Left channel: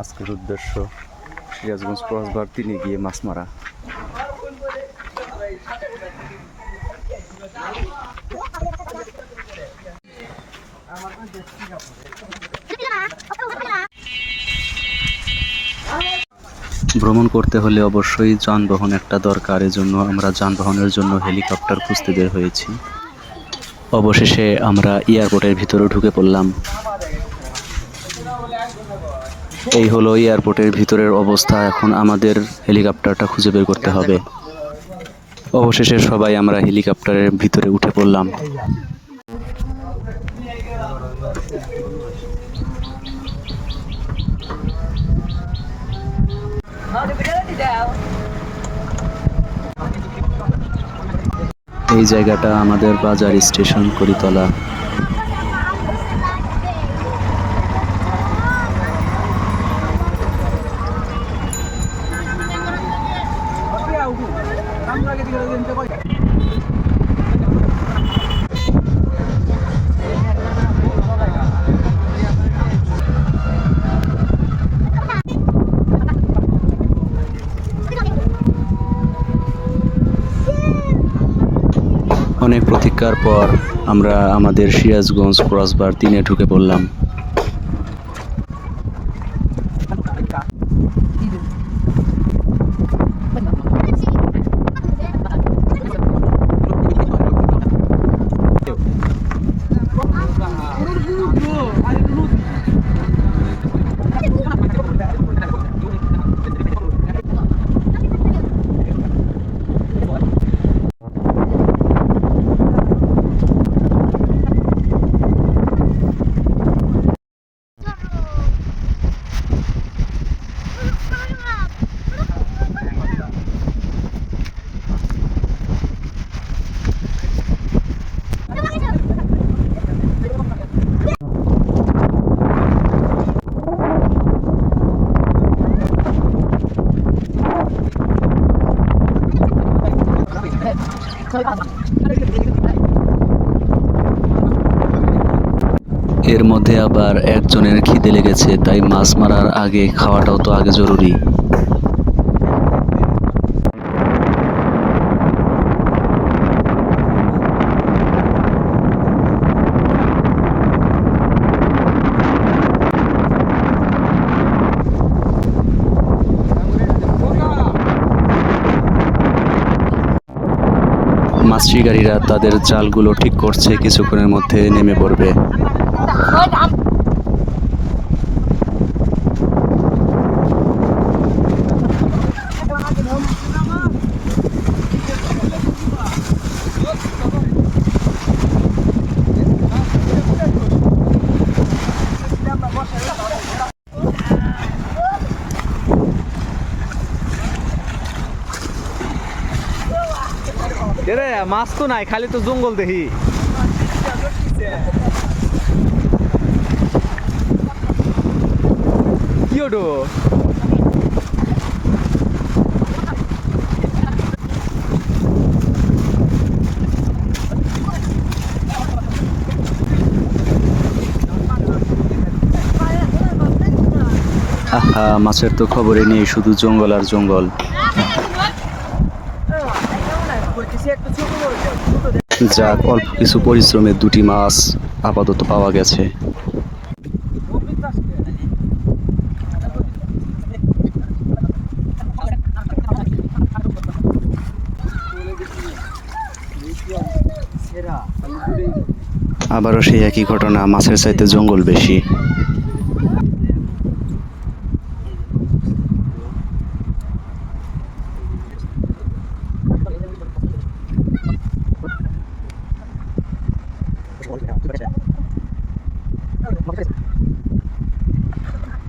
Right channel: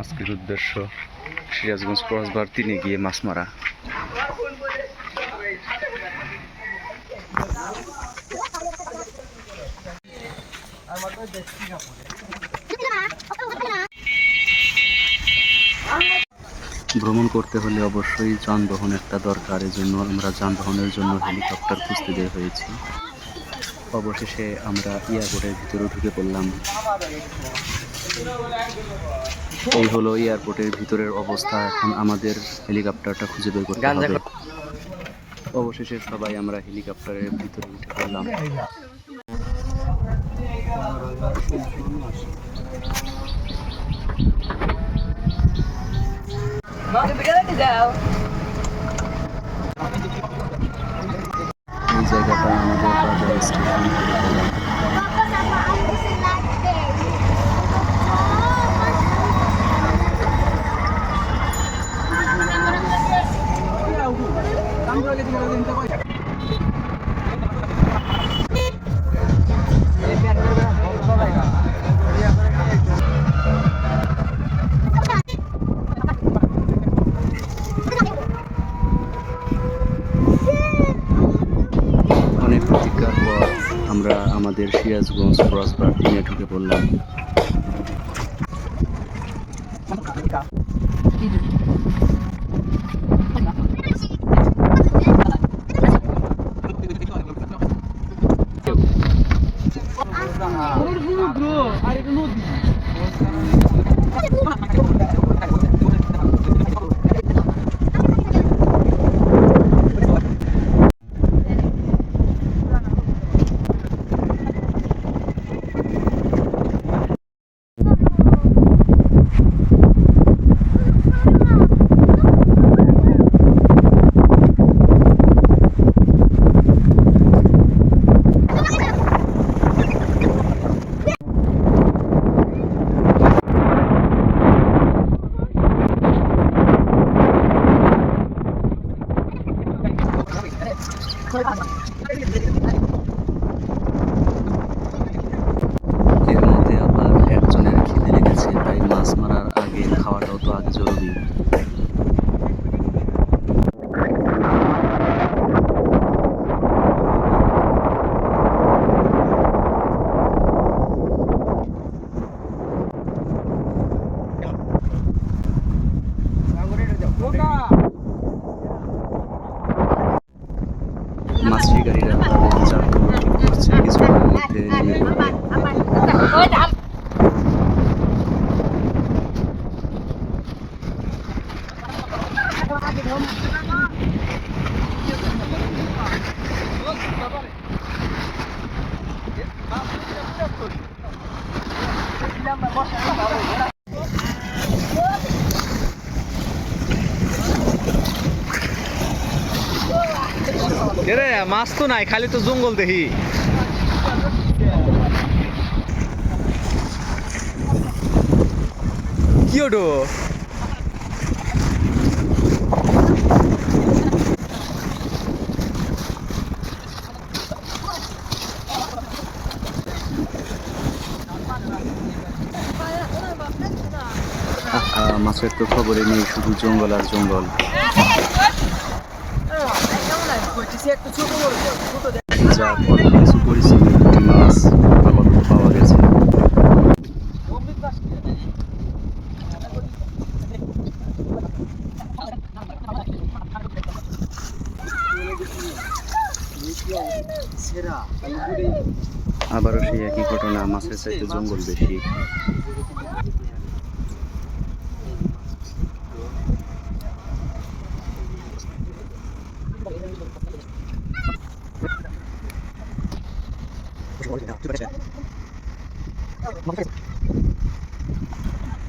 আজকের উদ্দেশ্য সিরাজগঞ্জ ক্রসবার তিনে গিয়ে মাছ মারা। ভ্রমণ করতে হলে অবশ্যই যানবাহন একটা দরকার, এজন্য আমরা যানবাহনের জন্য হেলিকপ্টার খুঁজতে বের হয়েছি। অবশেষে আমরা এয়ারপোর্টের ভিতরে ঢুকে পড়লাম। এই হলো এয়ারপোর্টের ভিতরের অবস্থা। এখন আমাদের হেলিকপ্টারটা খুঁজে বের করতে হবে। অবশেষে সবাই আমরা হেলিকপ্টারের ভিতরে উঠে পড়লাম। এই জায়গাটা আমাদের বাজার স্টেশন করিতলা। অনেক প্রতীক্ষার পর আমরা আমাদের সিরাজগঞ্জ ক্রসবার তিনে ঢুকে পড়লাম। এর মধ্যে আবার একজনের খিদে লেগেছে তাই মাছ মারার আগে খাওয়াটাও তো আগে জরুরি মাছ শিকারীরা তাদের জালগুলো ঠিক করছে কিছুক্ষণের মধ্যে নেমে পড়বে। রে মাছ তো নাই, খালি তো জঙ্গল দেখি। কি ওটো মাছের তো খবরই নেই, শুধু জঙ্গল আর জঙ্গল। যাক, অল্প কিছু পরিশ্রমে দুটি মাছ আপাতত পাওয়া গেছে। আবারও সেই একই ঘটনা, মাছের চাইতে জঙ্গল বেশি পানি নিয়ে না দুটো পানি না Pwede din ang drone ওবা না ওবা না বলুস না এলা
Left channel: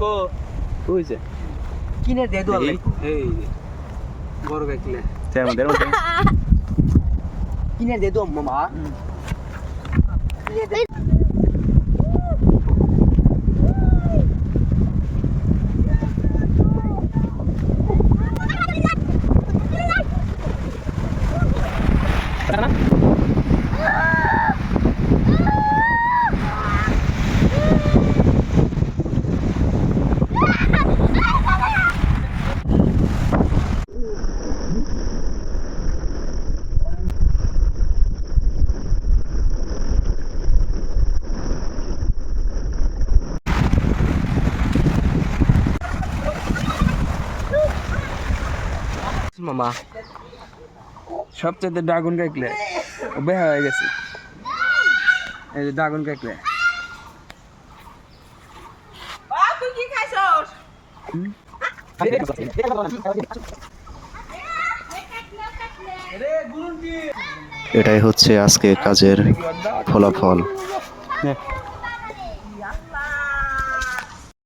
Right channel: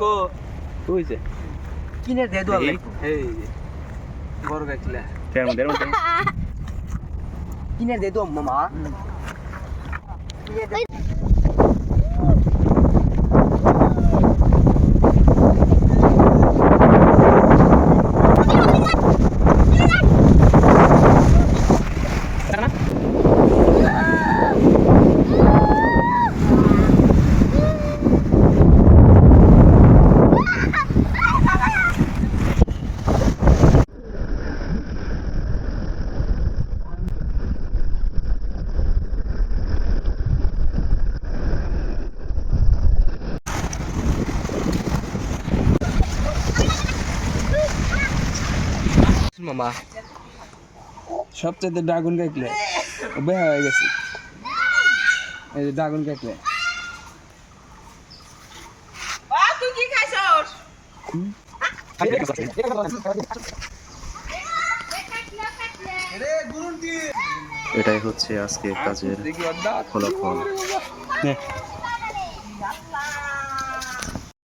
গেল কো হইছে কিনে দে দো এই বড় মধ্যে এর মধ্যে কিনে দে দো মামা মামা। সবচেয়ে ড্রাগন কাকলে বেহা হয়ে গেছে। এই যে ড্রাগন কাকলে এটাই হচ্ছে আজকে কাজের ফলাফল।